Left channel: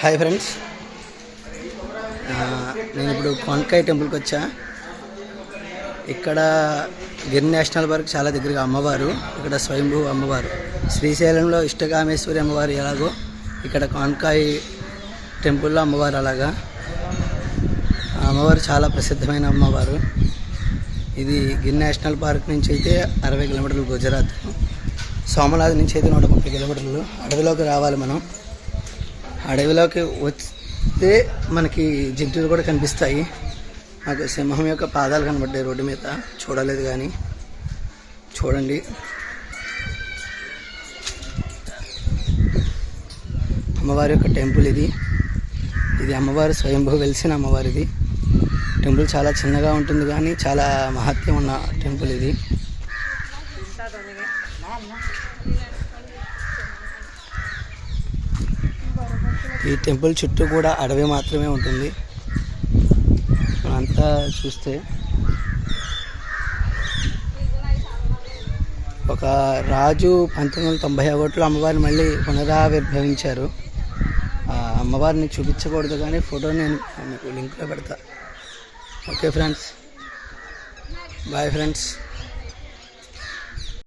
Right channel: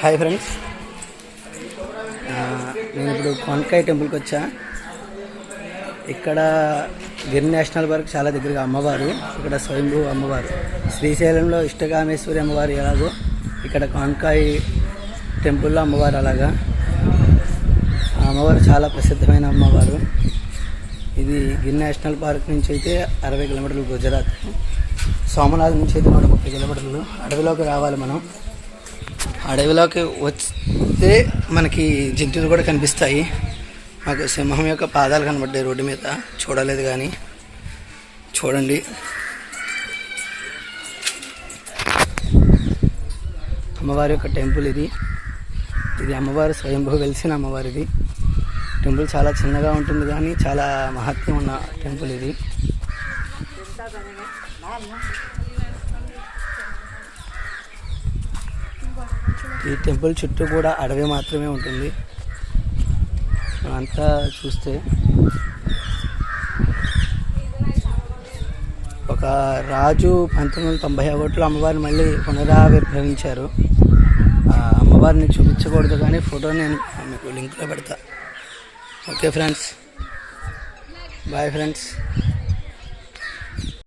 Hi friends, నేను ఇప్పుడు కోనకాయ టెంపుల్కి వచ్చా. ఇక్కడ గిర్ నేషనల్ పార్క్ చాలా దగ్గరగా అమ్మవారు, ఇక్కడ స్వయంభూ అమ్మవారు. శ్రీశైలంలో ఇష్టకామేశ్వరి అమ్మవారు ఎలాగో ఇక్కడ కోనకాయ టెంపుల్లో అమ్మవారు అలాగా. ఆ అమ్మవారు చాలా ప్రసిద్ధమైన అమ్మవారు. ఇది గిర్ నేషనల్ పార్క్ నుంచి అయితే 60 కిలోమీటర్లు గుజరాత్, సోమనాథ్ నుంచి అయితే 130 కిలోమీటర్లు. అడవిలోకి రావాలి మనం. అడవిలోకి వస్తే మనకి జంతువులు కూడా కనిపిస్తాయి. మాకు సింహం యొక్క పాదాలు కనబడ్డాయి రోడ్డు మీద, చూడలేదు కానీ చూడండి. అమ్మవారి యొక్క టెంపుల్ ఇది. ఇది అమ్మవారి స్వయంభూ వెలిసిన అమ్మవారి ఇది. టెంపుల్ చాలా చిన్నగా ఉంటుంది కానీ చాలా మహత్యం ఉన్న టెంపుల్ ఇది. ఈ టెంపుల్ చుట్టూ కూడా అడవి మాత్రమే ఉంటుంది. అంతా చూస్తే ఒక రాజు 1991లో అమ్మవారిని మళ్ళీ పునరావిర్భవించారు. అమ్మవారిని చూపించకూడదు కానీ ఫోటో నేను మీకు లింక్లో పెడతా. Okay friends, bye friends.